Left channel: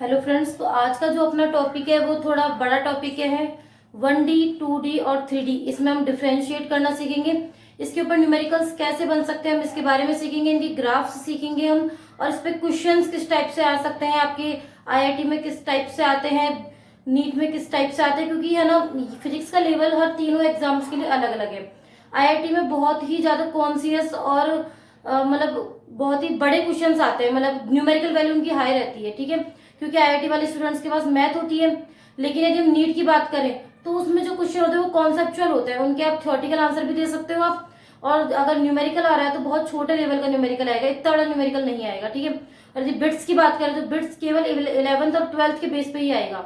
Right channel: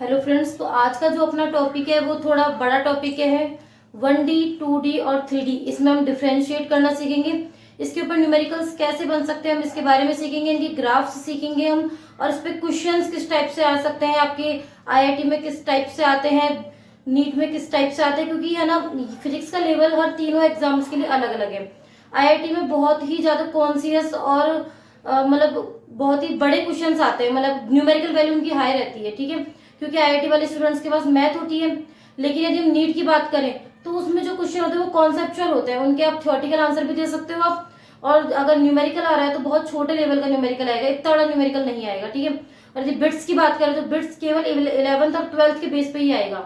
Hello friends, तो आज का जो अपना टॉपिक है वो थोड़ा बड़ा टॉपिक है। 1D 2D और 3D, इसमें हम डिफ्रेंशिएट करना सीखेंगे। इसके ऊपर न्यूमेरिकल्स कैसे बन सकते हैं हम इसके बारे में सीखेंगे, इनकी ग्राफ्स सीखेंगे हम, और इस पे क्वेश्चंस किस टाइप से आ सकते हैं, आपके आईआईटी में किस टाइप से आते हैं, नीट में किस टाइप से आते हैं, क्योंकि है ना फिजिक्स का लेवल हर तीनों एग्जाम्स के लिए अलग अलग है। आईआईटी में बहुत ही ज्यादा कॉन्सियस और मतलब बहुत ही बड़े क्वेश्चंस आते हैं, मतलब न्यूमेरिकल वैल्यू उनकी हाई रहती है, ठीक है, क्योंकि आईआईटी वाले स्टूडेंट्स के पास मैथ होती है। लेकिन यदि हम नीट की बात करें तो उसमें जो क्वेश्चन होते हैं वो कॉन्सेप्चुअल होते हैं, उनके आप थ्योरेटिकल आंसर भी दे सकते हो आप, और अगर न्यूमेरिकल आ रहा है तो बहुत छोटे लेवल का न्यूमेरिकल आएगा, इतना बड़ा न्यूमेरिकल नहीं आएगा, ठीक है। और यदि बिट्स की बात करें तो बिट्स केवल 11th और 12th के बेस पे ही आएगा,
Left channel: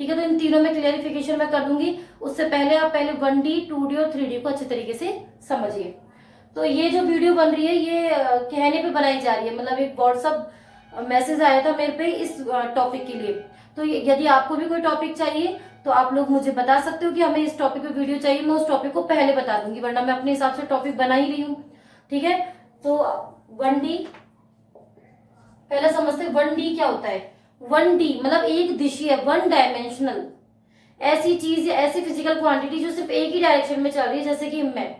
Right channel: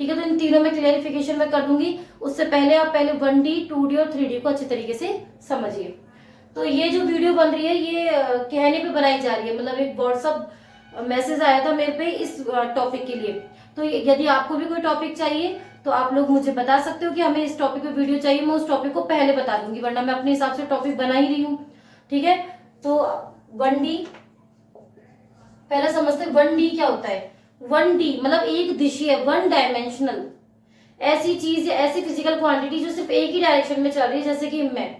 ठीक है। तो इन तीनों में क्लियरिफिकेशन मैं कर दूंगी, उससे पहले आप पहले 1D 2D और 3D को अच्छे तरीके से समझिए। तो ये जो वीडियो बन रही है ये कहने पे बनाई जा रही है, मतलब एक व्हाट्सअप मैसेज आया था मेरे पे इस टॉपिक के लिए। तो यदि आपको भी कोई टॉपिक चाहिए तो आप लोग मुझे बता सकते हो कि हमें इस टॉपिक पे वीडियो चाहिए, मैं उस टॉपिक को पहले बता दूंगी, वरना मैं अपने हिसाब से टॉपिक बना ही रही हूँ, ठीक है। तो 1D पहले समझते 1D क्या होता है। 1D मतलब एक दिशीय, 1 डायमेंशनल, ऐसी चीज या ऐसी फिजिकल क्वांटिटी जो सिर्फ एक ही डायरेक्शन में चल रही है, जैसे कि मैं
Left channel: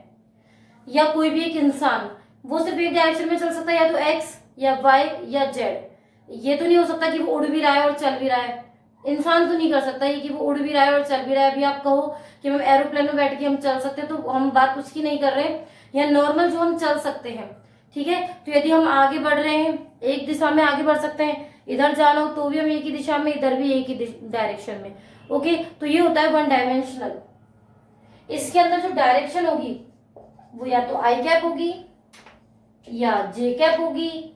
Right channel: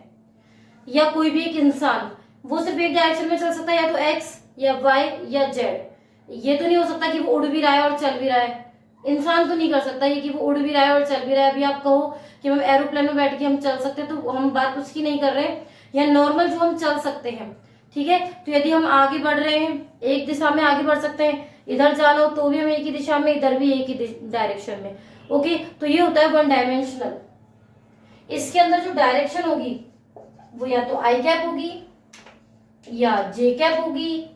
या कोई भी एक इंसान, वो सिर्फ एक डायरेक्शन में चल सकता है, या तो एक्स या वाई या जेड। ये तो नहीं हो सकता कि वो उड़ भी रहा है और चल भी रहा है। इंसान तो नहीं कर सकता ये कि वो उड़ भी रहा है और चल भी रहा है। अभी आप कहो कि हम एरोप्लेन में बैठ के हम चल सकते हैं, तो हम बात उसकी नहीं कर रहे हैं, या नॉर्मल जो हम चल सकते हैं, ठीक है। तो यदि हम आगे बढ़ रहे हैं एक दिशा में आगे बढ़ सकते हैं, इधर जाना हो तो भी हम एक ही दिशा में, इधर भी एक ही डायरेक्शन में, ओके। तो ये होता है 1 डायमेंशनल। इसके अंदर जो डायरेक्शन होगी वो या तो आई कैप होगी, या जे कैप होगी,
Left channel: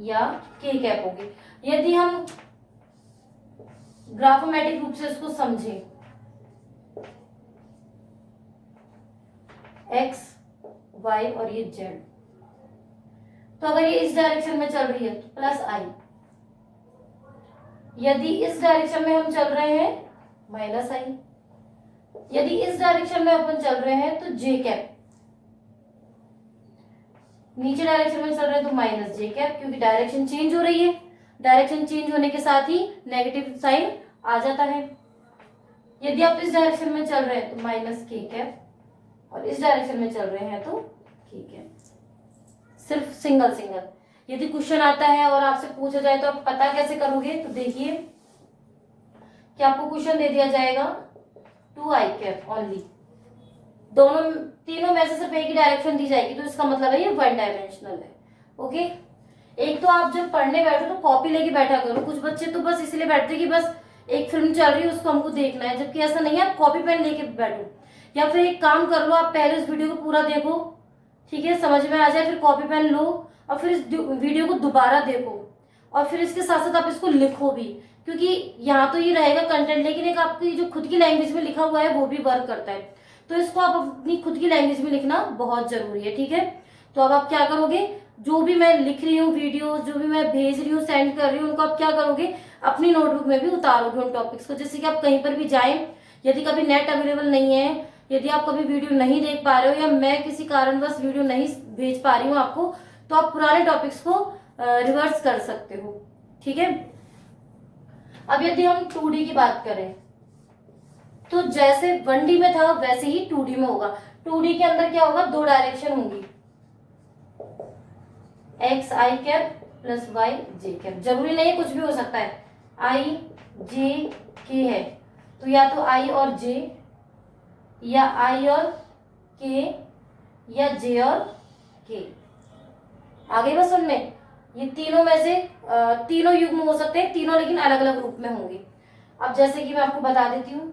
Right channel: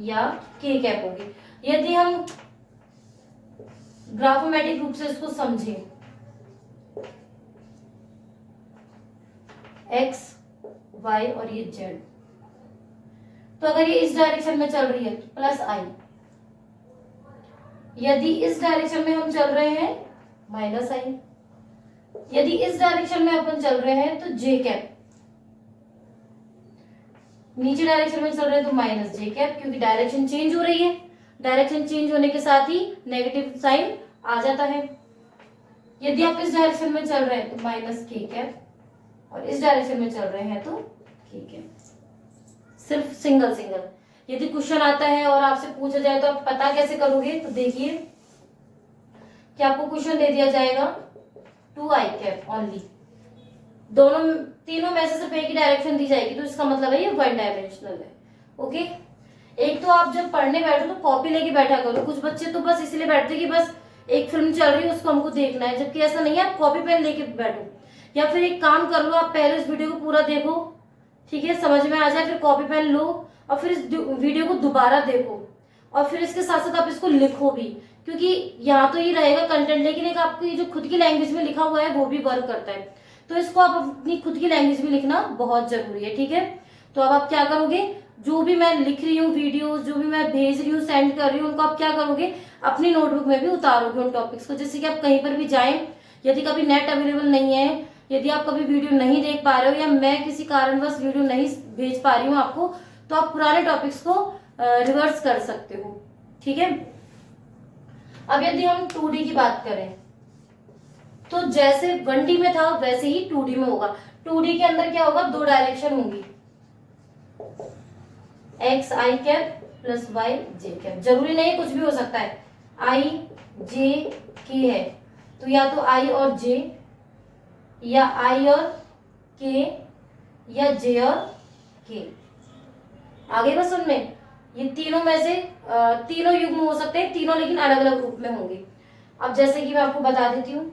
या के कैप होगी। यदि हम ग्राफोमेट्रिक रूप से इसको समझें, एक्स वाई और ये जेड, तो अगर ये इस डायरेक्शन में चल रही है तो प्लस आई, यदि इस डायरेक्शन में हम चल रहे हैं माइनस आई, यदि इस डायरेक्शन में अपन चल रहे हैं तो जे कैप, नीचे डायरेक्शन में चल रहे हैं तो माइनस जे कैप, क्योंकि डायरेक्शन चेंज हो रही है, डायरेक्शन चेंज होने के साथ ही नेगेटिव साइन आ जाता है। यदि आप इस डायरेक्शन में चल रहे हैं तो माइनस के कैप, और इस डायरेक्शन में चल रहे हैं तो के कैप, सिर्फ सिंगल सिंगल। यदि क्वेश्चन आता है और आपसे पूछा जाए तो आप पता कैसे करोगे, तो देखिए कि आपको क्वेश्चन दे दिया जाएगा 2i कैप ओनली, दोनों तीनों में से सिर्फ एक ही डायरेक्शन दी जाएगी, तो इसका मतलब है ये 1 डायमेंशनल है, ओके। एक तो आप जब पढ़ने बैठो तो कॉपी लेके बैठा करो, कुछ बच्चे तो बस इसलिए बैठते कि बस एक फिल्म चल रही है उसको हमको देखना है, जबकि ऐसा नहीं है, आप कॉपी पेन लेके बैठो, या फिर एक काम कर लो, आप पहले इस वीडियो को पूरा देखो, ठीक है, समझ में आ जाए, फिर कॉपी पेन लो और फिर इस वीडियो को दोबारा देखो, और फिर इसके साथ साथ आप इसको लिखो भी, क्योंकि यहाँ तो ये रहेगा कंटेंट, लेकिन एक आपकी जो खुद की लैंग्वेज में लिखा हुआ है वो भी वर्क करता है, तो इसको आप अपनी खुद की लैंग्वेज में लिखना बहुत जरूरी है, ठीक है। तो अब आप क्या करोगे, जो भी मैं लिख रही हूँ वीडियो, जो भी मैं भेज रही हूँ, सेंड कर रही हूँ, उनको आप क्या करोगे, अपनी नोटबुक में भी उतारोगे उन टॉपिक्स को, जैसे कि आप कहीं पर भी जाएं, यदि कभी नेट अवेलेबल नहीं है, यदि आप कभी वीडियो नहीं देख पा रहे हो, या मैं किसी कारणवश वीडियो नहीं भेज पा रही हूँ आपको, तो आप पुराने टॉपिक्स को रिवर्स कर सकते हो, ठीक है। अब यदि हम 2D की बात करें तो जैसे 1D में था वैसे ही 2D में होगा। 2D के अंदर क्या होगा, दो डायरेक्शन होंगी, एक्स आई कैप प्लस वाई जे कैप, जरूरी नहीं कुछ भी हो सकता है, आई जे के है तो या तो आई और जे, या आई और के, या जे और के। आगे बस सुनने, ये तीनों में से तीनों युग्म हो सकते हैं, तीनों लेकिन अलग अलग रूप में होंगे। अब जैसे कि मैं आपको बता देती हूँ,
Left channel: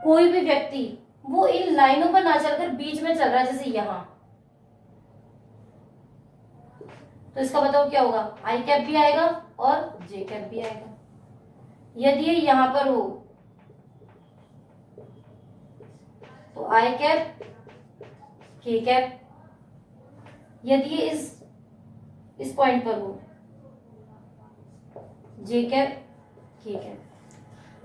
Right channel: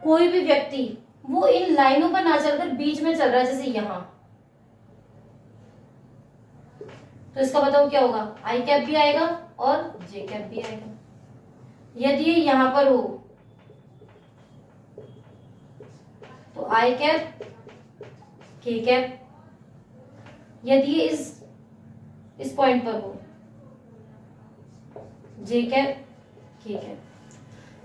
कोई भी व्यक्ति वो इन लाइनों पर ना चलकर बीच में चल रहा है, जैसे यहां, तो इसका बताओ क्या होगा, आई कैप भी आएगा और जे कैप भी आएगा। यदि ये यहां पर हो तो आई कैप के कैप, यदि ये इस पॉइंट पर हो जे कैप के कैप।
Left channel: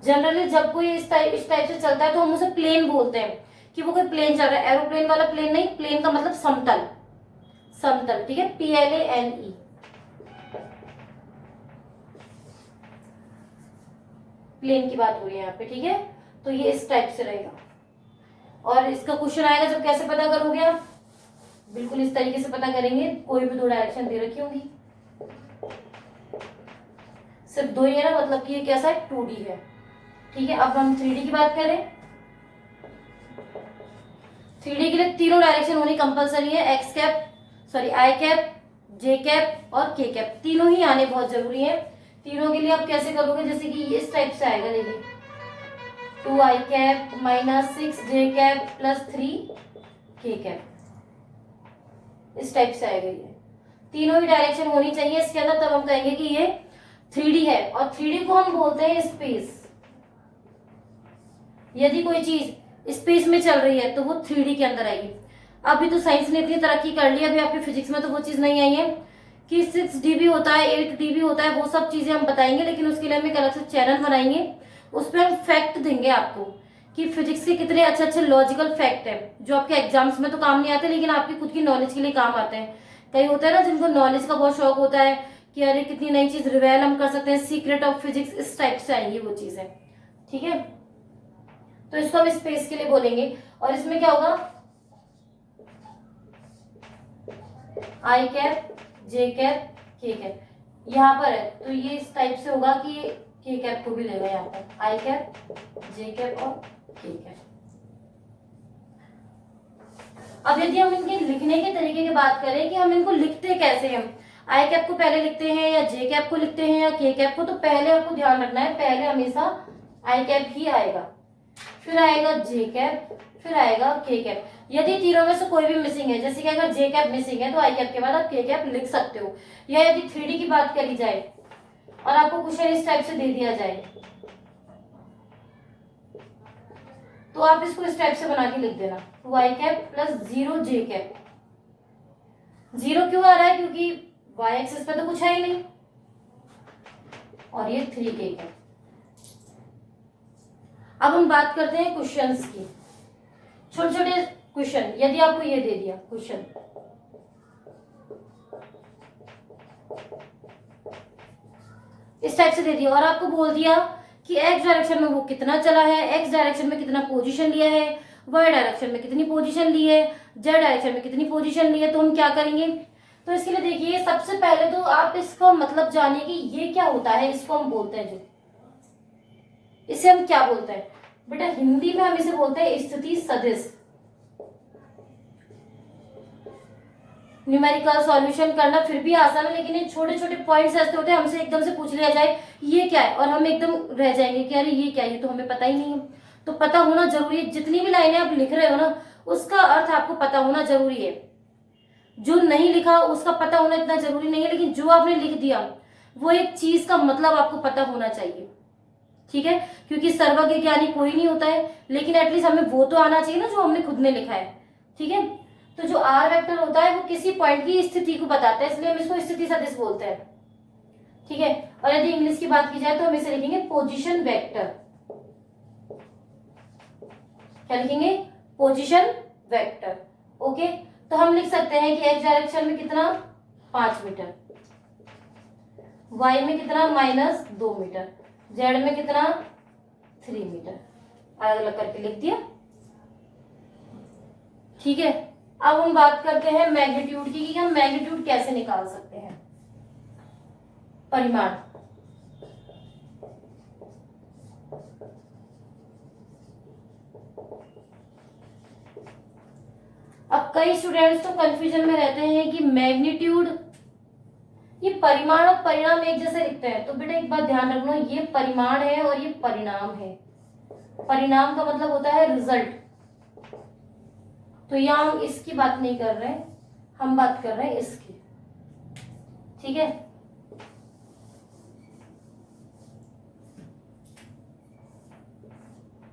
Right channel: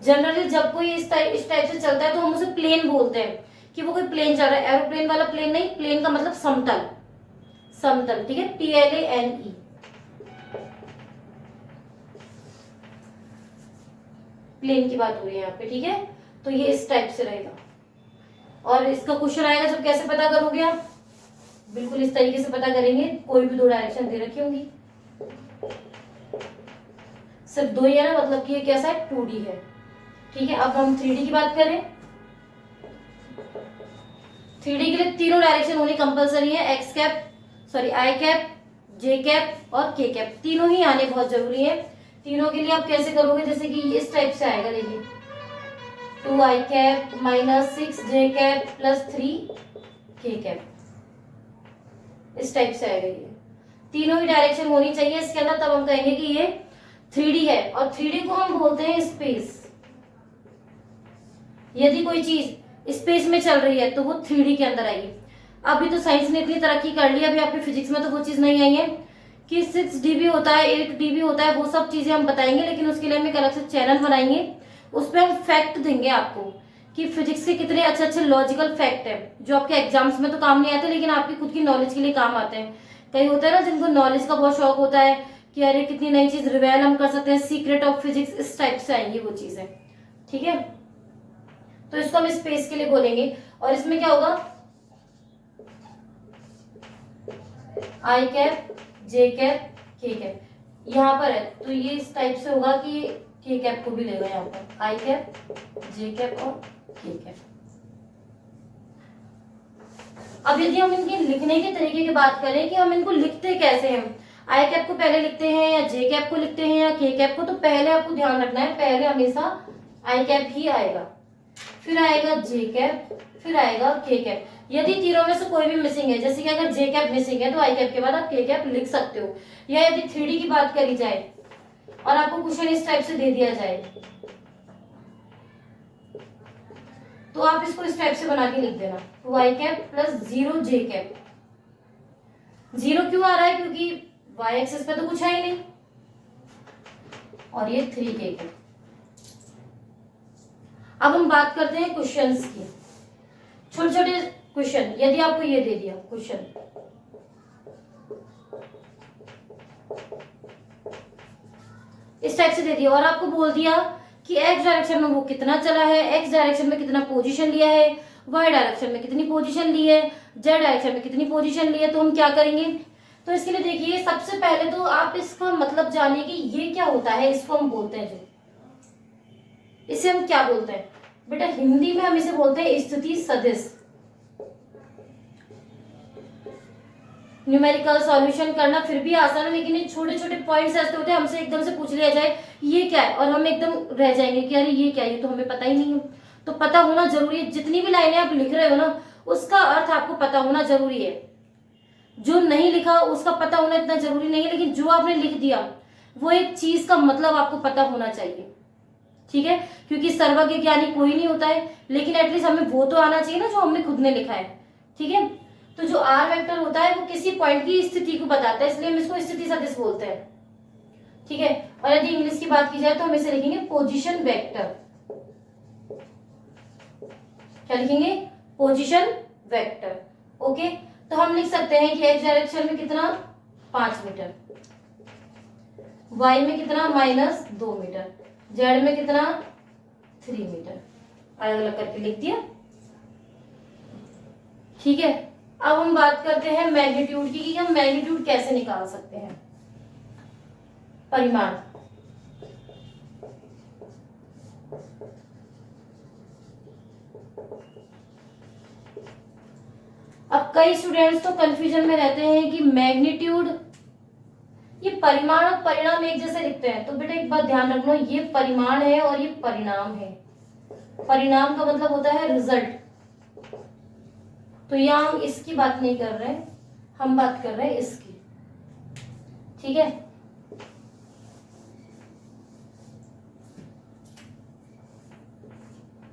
जनरली जब कोई इस टाइप से चलता है तो हम उसे प्लेन बोलते हैं कि वो कोई प्लेन चल रहा है। एरोप्लेन वाला प्लेन नहीं, प्लेन का मतलब समतल, समतल, ठीक है, PLANE। प्लेन की बात हो रही है यहाँ पे, ठीक है। तो ये इस टाइप से रहेगा और इसका क्वेश्चन आएगा जब कैसे पता करोगे आप, बिल्कुल इस तरीके से पता करेंगे। कोई भी दो डायरेक्शन दे रखी होंगी, सिर्फ दो ही है ना, मतलब कि ये कैसा है, 2D है, ठीक है। अब हम 3D की बात करें। 3D के लिए तीनों डायरेक्शन होनी कंपलसरी है, x cap, sorry I cap, J cap और के कैप, तीनों ही आने बहुत जरूरी है। तीनों के लिए आप कैसे करोगे, जैसे कि इस टाइप से आएगा, देखिए 2 आई कैप माइनस 6 जे कैप प्लस 3 के कैप, इस टाइप से आएगा। ये तीनों ही डायरेक्शन होनी चाहिए इसके अंदर, तब हम कहेंगे कि ये 3D है। और 3D को हम बोलते हैं स्पेस। यदि कोई चीज स्पेस में चल रही है तो वो 3D के अंदर आएगी। अभी तो साइंस ने इतनी तरक्की कर ली, अभी आपके फिजिक्स में तो वो चीज नहीं आई है कि 6 dB होता है, 8 dB होता है, वो सब चीजें हम बताएंगे, लेकिन उसके लिए हम एक अलग से चैनल बनाएंगे, उस पर हम फैक्ट देंगे आपको कि फिजिक्स के कितने अच्छे अच्छे लॉजिकल फैक्ट है जो आपके एग्जाम्स में तो काम नहीं आते लेकिन आपकी खुद की नॉलेज के लिए काम आते हैं। कई होता है ना जिनको नॉलेज का बहुत शौक होता है कि अरे कितनी नई चीज रिवेल हम कर सकते हैं, सीक्रेट ऑफ फिजिक्स, इस टाइप से आएंगी वो चीजें, ठीक है। तो इसको हम स्पेस के लिए बोलेंगे। और इसमें क्या होगा, आई कैप, जे कैप, के कैप, यहाँ पर है तो ये इस टाइप से होगा कि के कैप को भी लेगा यहाँ पर, आई कैप, जे कैप और के कैप। अब यदि हम इनके लिखने के तरीके की बात करें कि हम इनको लिखते कैसे हैं, आई कैप को पहले लिखते हैं या जे कैप को लिखते हैं या के कैप को, तो पहले आपको ध्यान रखना है, पहले हमेशा आई कैप ही आएगा, फिर आएगा जे कैप, फिर आएगा के कैप। यदि तीनों में से कोई भी मिसिंग है, जैसे कि अगर जे कैप मिसिंग है तो आई कैप के बाद आप के कैप लिख सकते हो। या यदि 3D की बात करी जाए और आपको क्वेश्चन इस टाइप से दे दिया जाए तो आप इसको इस टाइप से बना के लिख देना, 2 आई कैप प्लस 0 जे कैप। 0 क्यों आ रहा है, क्योंकि वाई एक्सिस पे तो कुछ है ही नहीं, और ये 3 के कैप। अब हम बात करते हैं क्वेश्चंस की, छोटे छोटे क्वेश्चन। यदि आपको ये दे दिया क्वेश्चन, इस टाइप से दे दिया और आपको बोल दिया कि एक्स डायरेक्शन में वो कितना चला है, एक्स डायरेक्शन में कितना पोजीशन लिया है, वाई डायरेक्शन में कितनी पोजीशन ली है, जेड डायरेक्शन में कितनी पोजीशन ली है, तो हम क्या करेंगे। तो इसके लिए देखिए, सबसे पहले तो आप इसका मतलब जानिए कि ये क्या होता है। इसको हम बोलते हैं, जो इसे हम क्या बोलते हैं बेटा, हिंदी में हम इसे बोलते हैं स्थिति सदिश। न्यूमेरिकल सॉल्यूशन करना फिर भी आसान है, लेकिन ये छोटे छोटे पॉइंट्स ऐसे होते हैं, हमसे एकदम से पूछ लिया जाए ये क्या है और हम एकदम रह जाएंगे कि अरे ये क्या है, ये तो हमें पता ही नहीं है। तो पता होना जरूरी है, जितनी भी लाइनें आप लिख रहे हो ना उसका अर्थ आपको पता होना जरूरी है। जो नहीं लिखा उसका पता होना इतना जरूरी नहीं है, लेकिन जो आपने लिख दिया वो एक चीज का मतलब आपको पता होना चाहिए, ठीक है। क्योंकि सर्वज्ञ ज्ञानी कोई नहीं होता है, लेकिन एटलीस्ट हमें वो तो आना चाहिए ना जो हमने खुद ने लिखा है, ठीक है। तो जो आर वेक्टर होता है वो किसी पॉइंट की स्थिति को बताता है, इसलिए हम इसको स्थिति सदिश बोलते हैं, ठीक है। और यदि इंग्लिश की बात की जाए तो हम इसे लिखेंगे पोजीशन वेक्टर। क्या लिखेंगे, पोजीशन वेक्टर, ओके। तो हम लिख सकते हैं कि एक्स डायरेक्शन में कितना 5 मीटर, वाई में कितना -2 मीटर, जेड में कितना 3 मीटर, अलग अलग करके लिख दिया, ठीक है। अब हम बात करते हैं मैग्नीट्यूड की कि हम मैग्नीट्यूड कैसे निकाल सकते हैं, परिमाण। अब कई स्टूडेंट्स तो कंफ्यूजन में रहते हैं कि मैग्नीट्यूड, ये परिमाण और परिणाम एक जैसे लिखते हैं। तो बेटा एक बात ध्यान रखना, ये परिमाण है और ये परिणाम है। परिणाम का मतलब होता है रिजल्ट। तो यहाँ हम इसकी बात नहीं कर रहे हैं, हम बात कर रहे हैं इसकी, ठीक है।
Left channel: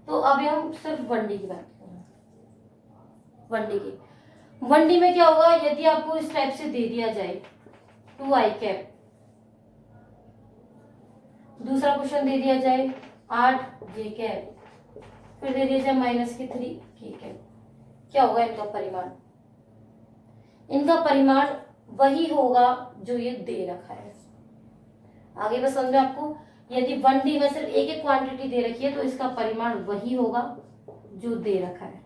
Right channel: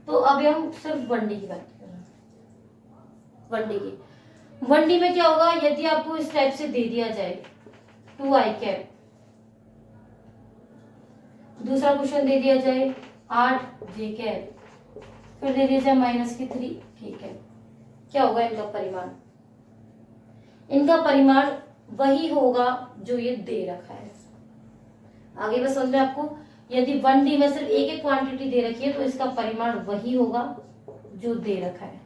तो अभी हम सिर्फ 1D की बात कर रहे हैं, 1D की। 1D में क्या होगा, यदि आपको इस टाइप से दे दिया जाए 2 आई कैप, दूसरा क्वेश्चन दे दिया जाए 8 जे कैप, फिर दे दिया जाए -3 के कैप। क्या होगा इनका परिमाण? इनका परिमाण वही होगा जो ये दे रखा है। आगे बस समझ में आपको, यदि 1D में सिर्फ एक एक क्वांटिटी दे रखी है तो इसका परिमाण वही होगा जो दे रखा है।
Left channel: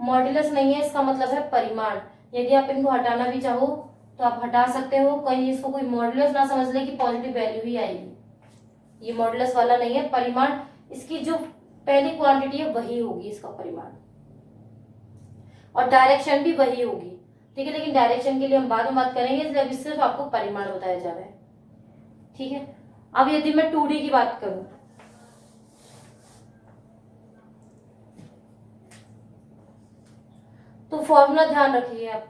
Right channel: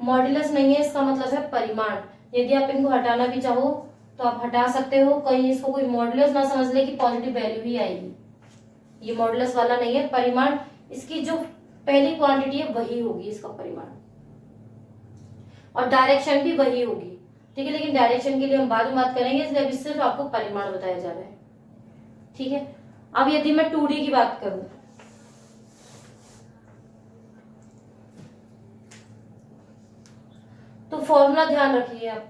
मॉड्यूलस नहीं है, इसका मतलब है परिमाण। यदि आप इनको हटाना भी चाहो तो आप हटा सकते हो, कहीं इसको कोई मॉड्यूलस ना समझ ले कि पॉजिटिव वैल्यू ही आएगी। ये मॉड्यूलस वाला नहीं है, परिमाण इसकी जो पहली क्वांटिटी है वही होगी इसका परिमाण, और डायरेक्शन भी वही होगी। ठीक है, लेकिन डायरेक्शन के लिए हम बाद में बात करेंगे, इसलिए अभी सिर्फ आपको परिमाण बताया जा रहा है। ठीक है, अब यदि मैं 2D की बात करूं तो फॉर्मूला ध्यान रखिए आप।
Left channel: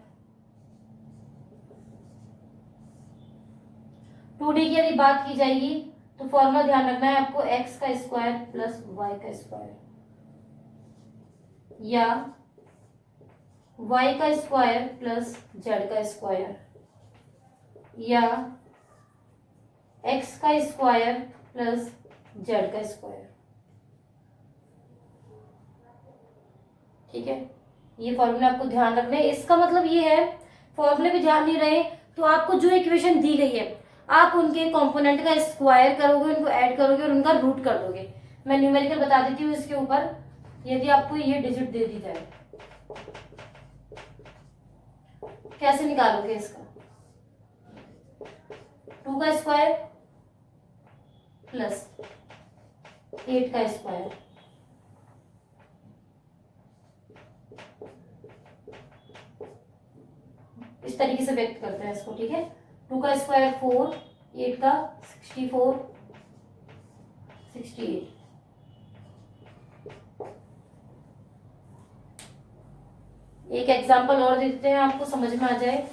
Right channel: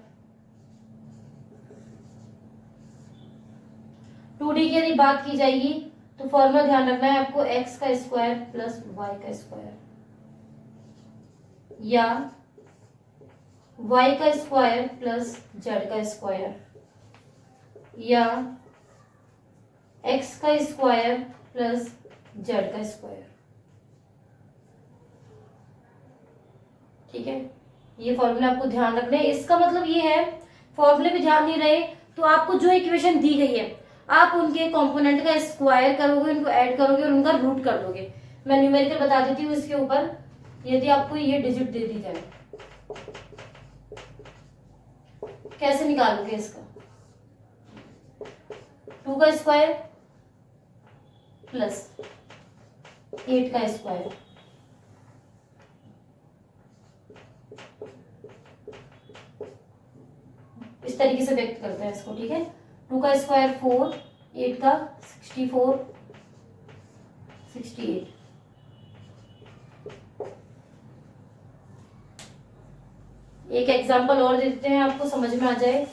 2D की यदि बात की जाएगी तो फॉर्मूला ध्यान रखना है आपको, x का स्क्वायर प्लस y का स्क्वायर, या y का स्क्वायर प्लस z का स्क्वायर, या x का स्क्वायर प्लस z का स्क्वायर। ठीक है, ये फॉर्मूला आपको ध्यान रखना है। इसका मतलब ये है, फॉर्मूले भी ध्यान नहीं रहे तो आपको जो इक्वेशन दी गई है आप उनके कंपोनेंट का स्क्वायर करोगे, उनको ऐड करोगे और उनका रूट कर दोगे। मैं न्यूमेरिकल बता देती हूँ इसके ऊपर। यदि आपको ये डिजिट दे दी जाए, कैसे निकालोगे इसका? 2 का स्क्वायर प्लस 8 का स्क्वायर, इस तरीके से व्यक्त करते हैं इसको। ठीक है, 2 का स्क्वायर 4, 8 का 64, 68। एक एग्जांपल और देते हैं आपको समझ में आ जाए।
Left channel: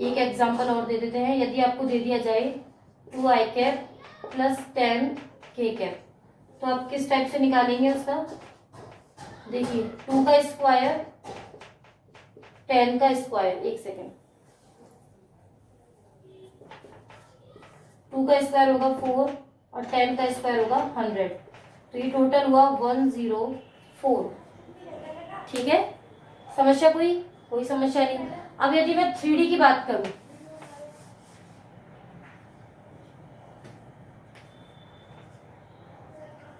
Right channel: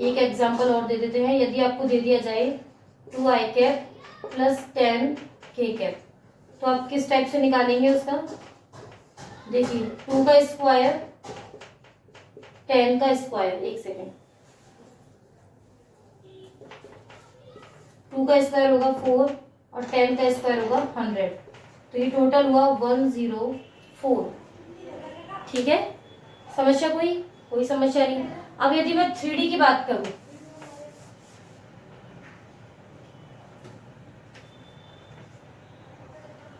एक एग्जांपल और दे देते हैं। यदि आपको दे दिया जाए 2i cap plus 10k cap, तो आप किस टाइप से निकालेंगे उसका? देखिए, 2 का स्क्वायर 10 का स्क्वायर, एक सेकेंड, 2 का स्क्वायर होगा 4 और 10 का स्क्वायर होगा 100, तो ये टोटल हुआ 104। ठीक है, समस्या कोई समस्या नहीं। अब यदि मैं 3D की बात करूं,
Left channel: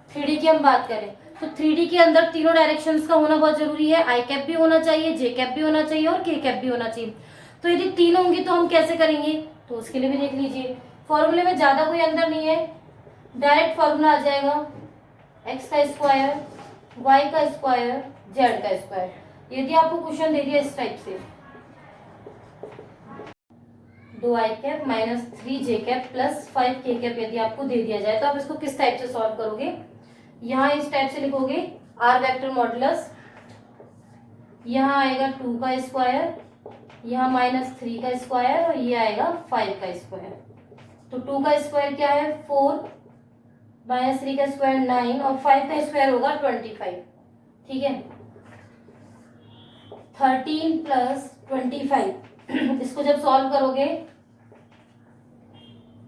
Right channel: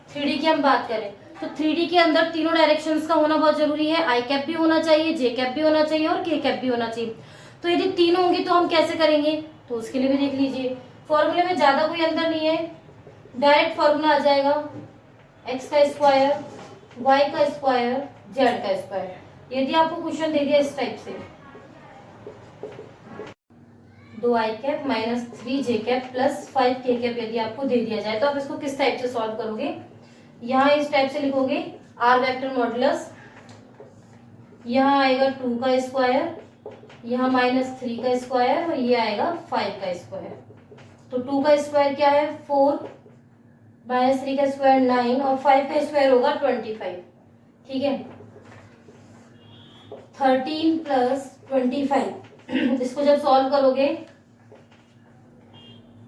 थ्री की हम बात करें तो 3D के अंदर तीनों डायरेक्शंस का होना बहुत जरूरी है। आई कैप भी होना चाहिए, जे कैप भी होना चाहिए और के कैप भी होना चाहिए। तो यदि तीनों होंगी तो हम कैसे करेंगे, तो उसके लिए भी देख लीजिए। फॉर्मूले में ज्यादा कोई अंदर नहीं है, डायरेक्ट फॉर्मूला आ जाएगा, एक्स का स्क्वायर, वाई का स्क्वायर, जेड का स्क्वायर। यदि आपको क्वेश्चन दे दिया इस टाइप से, 2i cap minus 3j cap plus 5k cap यदि आपको दे दिया जाए, तो आप इसको किस टाइप से सॉल्व करोगे? यहाँ इस टाइप से लिखोगे, आर वेक्टर मॉडुलस, यहाँ आएगा 2 का स्क्वायर, यहाँ -3 का स्क्वायर और ये आएगा 5 का स्क्वायर। तो 2 का स्क्वायर क्या है 4, -3 का स्क्वायर 9 और 5 का स्क्वायर होगा 25। ठीक है, 13 प्लस 25 इसको जब सॉल्व करोगे,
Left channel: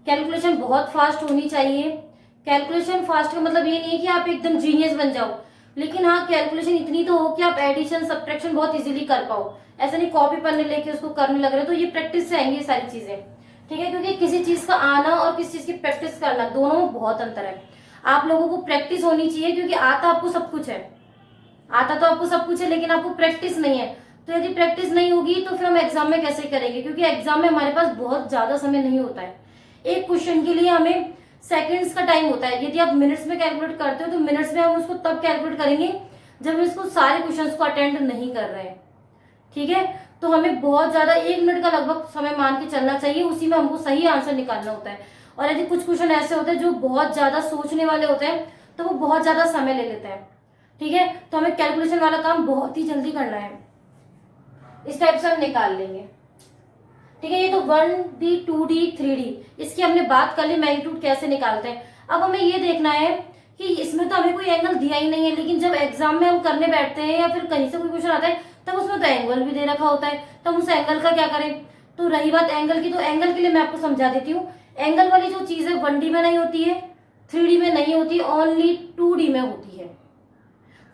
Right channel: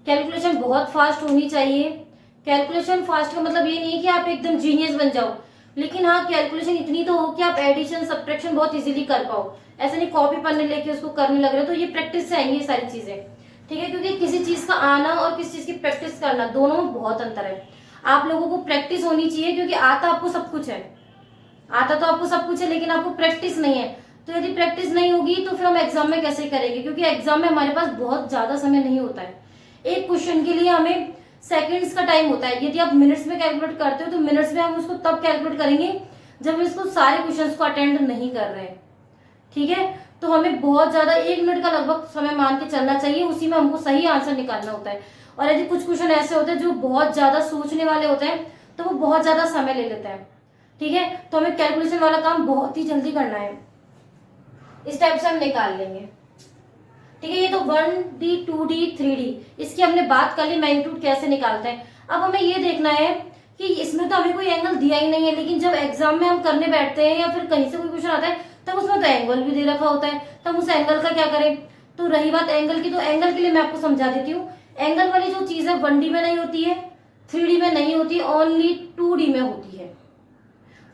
कैलकुलेशन बहुत फास्ट होनी चाहिए। कैलकुलेशन फास्ट का मतलब ये नहीं है कि आप एकदम जीनियस बन जाओ, लेकिन हाँ कैलकुलेशन इतनी तो हो कि आप एडिशन सब्ट्रैक्शन बहुत इजीली कर पाओ। ऐसा नहीं कॉपी पढ़ने लेके उसको करने लग रहे हो, तो ये प्रैक्टिस से आएंगी ये सारी चीजें। ठीक है, क्योंकि किसी चीज का आना और किसी चीज की प्रैक्टिस करना दोनों में बहुत अंतर है। आप लोगों को प्रैक्टिस होनी चाहिए, क्योंकि आता आपको सब कुछ है, आता तो आपको सब कुछ है, लेकिन आपको प्रैक्टिस नहीं है। तो यदि प्रैक्टिस नहीं होगी तो फिर हम एग्जाम में कैसे करेंगे, क्योंकि एग्जाम में हमारे पास बहुत ज्यादा समय नहीं होता है। एक क्वेश्चन के लिए हमें सेकंड्स का टाइम होता है। यदि आप मिनट्स में कैलकुलेट करते हो तो मिनट्स में हम उसको तब कैलकुलेट करेंगे जब हम इसको सारे क्वेश्चंस को अटेंड नहीं कर रहे हैं। ठीक है, तो हमें बहुत ज्यादा 1 मिनट का लगभग समय मान के चलना चाहिए, उसी में हमको सही आंसर निकालना होता है। और यदि कुछ क्वेश्चन ऐसे होते हैं जो बहुत ज्यादा सोचने वाले होते हैं तो वो बहुत ज्यादा समय ले लेते हैं। ठीक है, तो हमें कैलकुलेशन वाला काम बहुत ही जल्दी करना है, इस टाइप से हम निकाल लेंगे। ठीक है, ये तो 1D 2D 3D इसकी हमने बात कर ली, मैग्नीट्यूड कैसे निकालते हैं। अब हमें ये देखना है कि इसमें तो हमें कोई एंगल दिया ही नहीं है, लेकिन जब एग्जाम में हम करने बैठते हैं या फिर कहीं से कोई क्वेश्चन आता है तब उसमें तो एंगल भी दे रखा होता है, तब उस एंगल का क्या करें। तो रही बात एंगल की, तो एंगल के लिए मैं आपको समझा देती हूँ। एंगल वाली जो चीज है 1D में नहीं होती है, 3D में नहीं होती, ओनली 2D में होती है।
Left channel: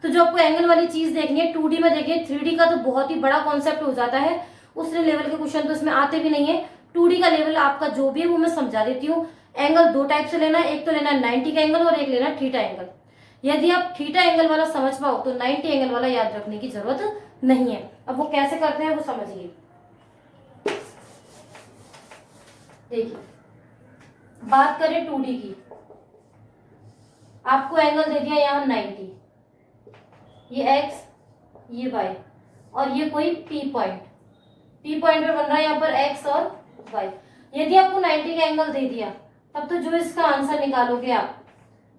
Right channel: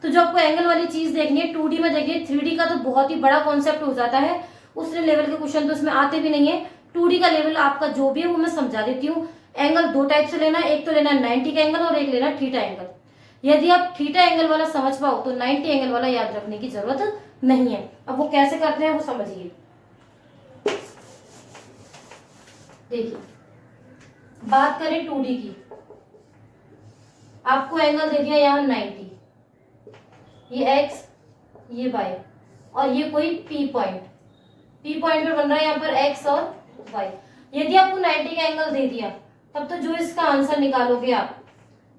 तो जो आपको एंगल वाली चीज देखनी है 2D में देखिए, 3D का तो बहुत ही बड़ा कॉन्सेप्ट हो जाता है, उस लेवल के क्वेश्चन तो इसमें आते भी नहीं है। 2D का लेवल आपका जो भी है वो मैं समझा देती हूँ। एंगल दो टाइप से लेना है, एक तो लेना है 90 का एंगल और एक लेना है थीटा एंगल। यदि आप थीटा एंगल वाला समझ पाओ तो 90 एंगल वाला याद रखने की जरूरत नहीं है। अब वो कैसे करते हैं वो समझिए। देखिए, बात करें 2D की, आपको एंगल दे दिया यहाँ 90, ये x, ये y, और ये कोई P पॉइंट, P पॉइंट पे बन रहा है यहाँ पर x और y। यदि आपको 90 का एंगल दे दिया तब तो जो इसका आंसर निकालोगे आप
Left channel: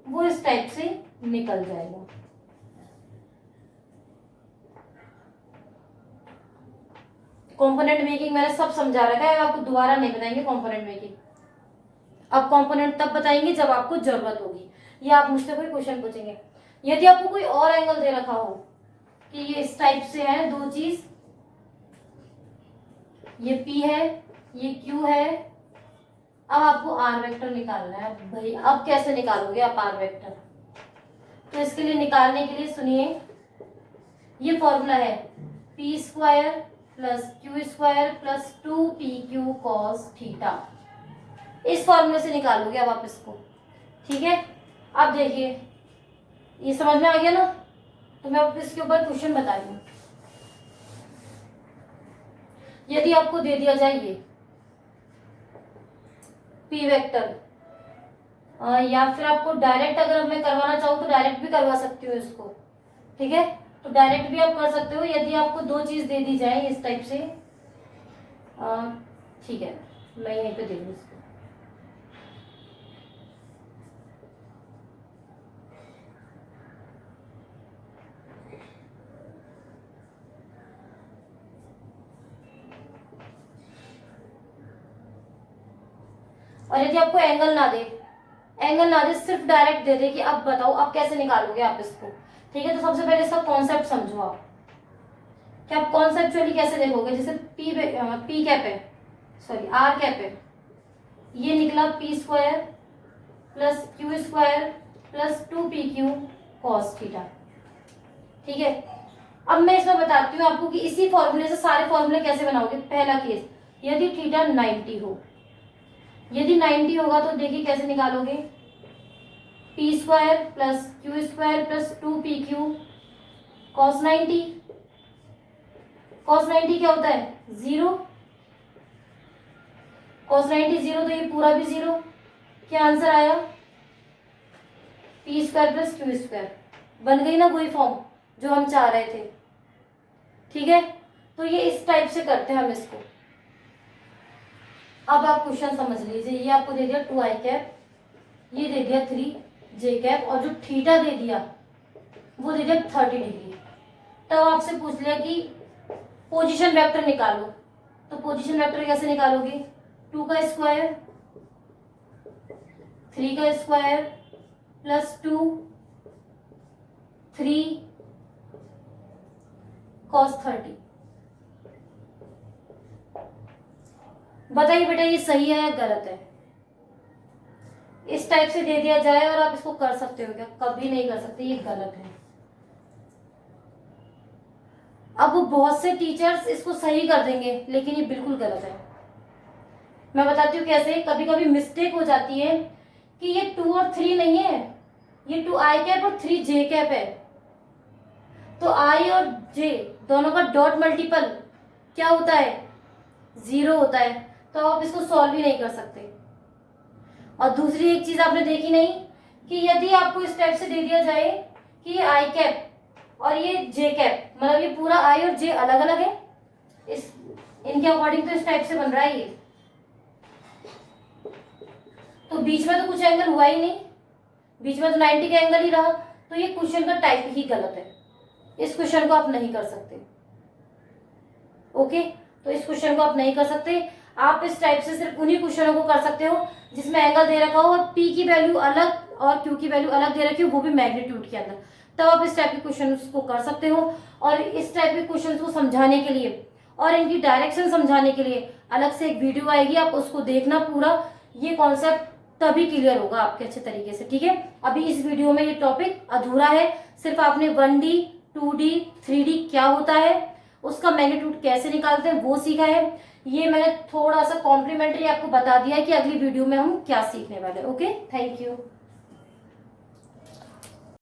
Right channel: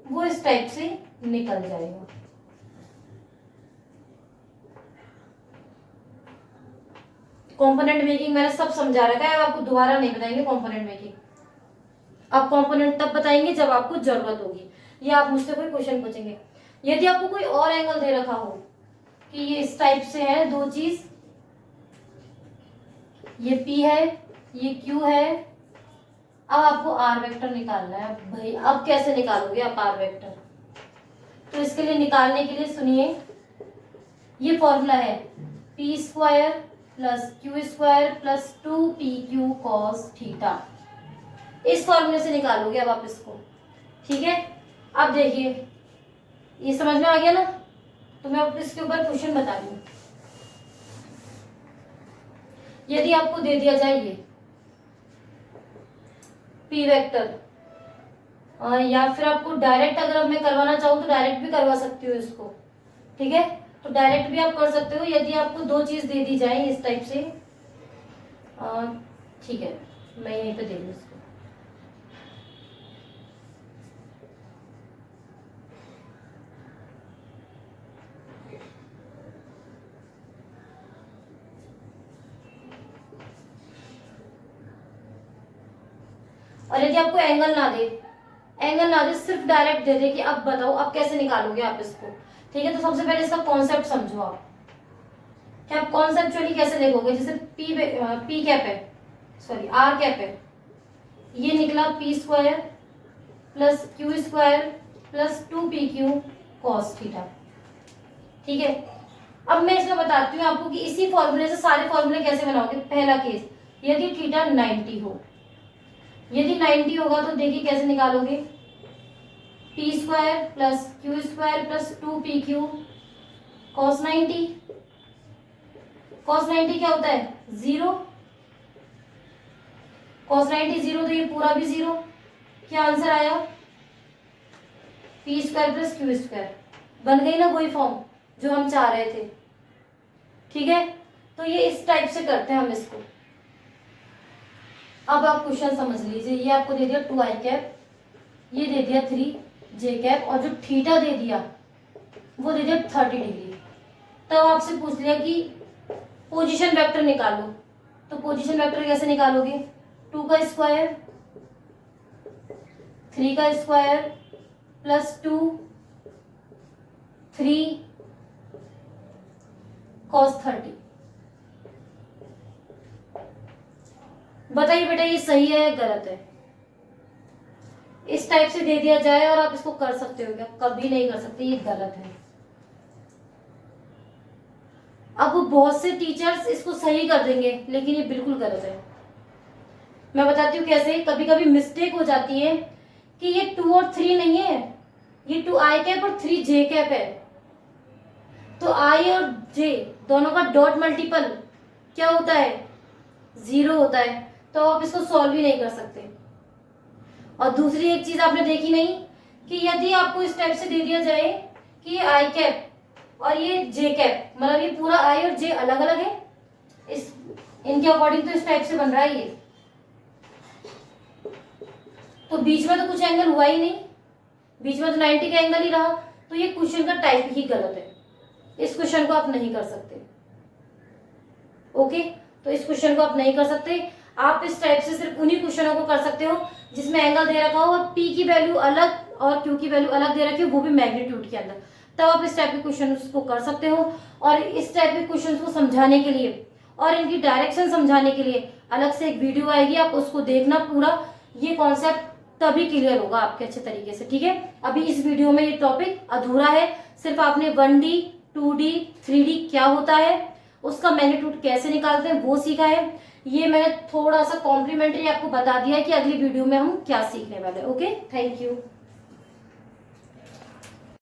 वो इस टाइप से निकल जाएगा। कंपोनेंट मेकिंग मैंने सब समझा रखा है, आपको दोबारा नहीं बताएंगे कंपोनेंट मेकिंग। अब कंपोनेंट तब बताएंगे जब आपको जरूरत होगी या आप मुझसे कोई क्वेश्चन पूछेंगे। यदि आपको कोई और एंगल दे रखा हो कि ये इस टाइप से है दो चीज, ये P है, ये Q है, अब आपको R वेक्टर निकालना है। अब भाई अब कैसे निकालोगे आप R वेक्टर, तो इसके लिए निकालने के लिए सुनिए, ये फॉर्मूला है P square plus Q square plus 2PQ cos theta. इस फॉर्मूले से निकालोगे अब आप इसको, ठीक है। अब देखिए ये समझ में आ गया ना, तो मैं अब इसके ऊपर क्वेश्चन बता दूं। यदि आपको दे दिया जाए ये P वेक्टर, या फिर आपको डायरेक्ट अगर मैं करवाना चाहूँ तो डायरेक्ट भी करवा सकती हूँ इसको, ठीक है, तो डायरेक्ट भी आप कर सकते हो। यदि आपको दो चीज दे दी जाए इस टाइप से, ठीक है, मैं यहीं पे दे दूँ इसको। और यदि आपको एंगल ना दे, सिर्फ डायरेक्ट दे दे कि अब बताओ अब कैसे निकालोगे आप इसको, ठीक है। तो सबसे पहले इसका कॉन्सेप्ट समझो आप, कि आप कॉन्सेप्चुअली कैसे देखोगे। जैसे पी कैप है, सॉरी आर कैप है, ये निकला P square plus Q square plus 2PQ cos theta, ठीक है। अब मैं इसमें बताती हूँ आपको कि इसी फॉर्मूले से सारे फॉर्मूले कैसे बनाओगे। पहला केस, यदि थीटा 90 हो, यदि 90 होगा तो देखिए कैसे निकालोगे, P square plus Q square plus 2PQ cos 90। Cos 90 क्या होता है, 0, कॉस 90 0, तो ये पूरा भी 0। क्या आंसर आया, P square plus Q square. बन गई ना वही फॉर्म जो हम चाह रहे थे, ठीक है। तो ये इस टाइप से करते हैं हम इसको। अब आप क्वेश्चन समझ लीजिए, ये आपको दे दिया 2i कैप, ये दे दिया 3j कैप, और जो थीटा दे दिया वो दे दिया 30 डिग्री। तब आपसे पूछ लिया कि पोजीशन वेक्टर निकालो, तो पोजीशन वेक्टर कैसे निकालोगे, 2 का स्क्वायर 3 का स्क्वायर प्लस 2 3 cos 30। बताइए बेटा ये सही है या गलत है। इस टाइप से दे दिया जाए और आप इसको कर सकते हो क्या, कभी नहीं कर सकते, ये गलत है। अब बहुत से टीचर्स इसको सही कर देंगे लेकिन ये बिल्कुल गलत है। मैं बताती हूँ कैसे। कभी कभी मिस्टेक हो जाती है कि ये 2 और 3 नहीं है, ये 2i कैप और 3j कैप है। तो i और j दोनों का डॉट मल्टीपल क्या होता है, 0 होता है, तो आप इसको सॉल्व ही नहीं कर सकते। और दूसरी एक चीज आपने देखी नहीं कि यदि आपको इस टाइप से दे दिया जाए कि ये i कैप और ये j कैप, मतलब ये पूरा i और j अलग अलग है, इस इनके अकॉर्डिंग तो इस टाइप से बन रहा है ये, तो बीच में तो कुछ एंगल हुआ ही नहीं, बीच में तो 90 का एंगल ही रहा, तो ये क्वेश्चन का टाइप ही गलत है। इस क्वेश्चन को आप नहीं कर सकते, ओके। तो इस क्वेश्चन को आप नहीं कर सकते। आप इस टाइप से सिर्फ उन्हीं क्वेश्चनों को कर सकते हो जिसमें एंगल दे रखा हो और पी की वैल्यू अलग और क्यू की वैल्यू अलग दे रखी है, वो भी मैग्नीट्यूड के अंदर, तब आप इस टाइप के क्वेश्चन को कर सकते हो। और इस टाइप के क्वेश्चन को समझाने के लिए और इनकी डायरेक्शन समझाने के लिए अलग से एक वीडियो आएगी, आप उसको देखना पूरा, ये कॉन्सेप्ट तभी क्लियर होगा आपके अच्छे तरीके से, ठीक है। अभी इस वीडियो में ये टॉपिक अधूरा है, सिर्फ आपने 1D 2D 3D क्या होता है, उसका मैग्नीट्यूड कैसे निकालते हैं वो सीखा है। ये मैंने थोड़ा सा कॉम्प्लीमेंट्री आपको बता दिया है कि अगली वीडियो में हम क्या सीखने वाले। Okay, thank you.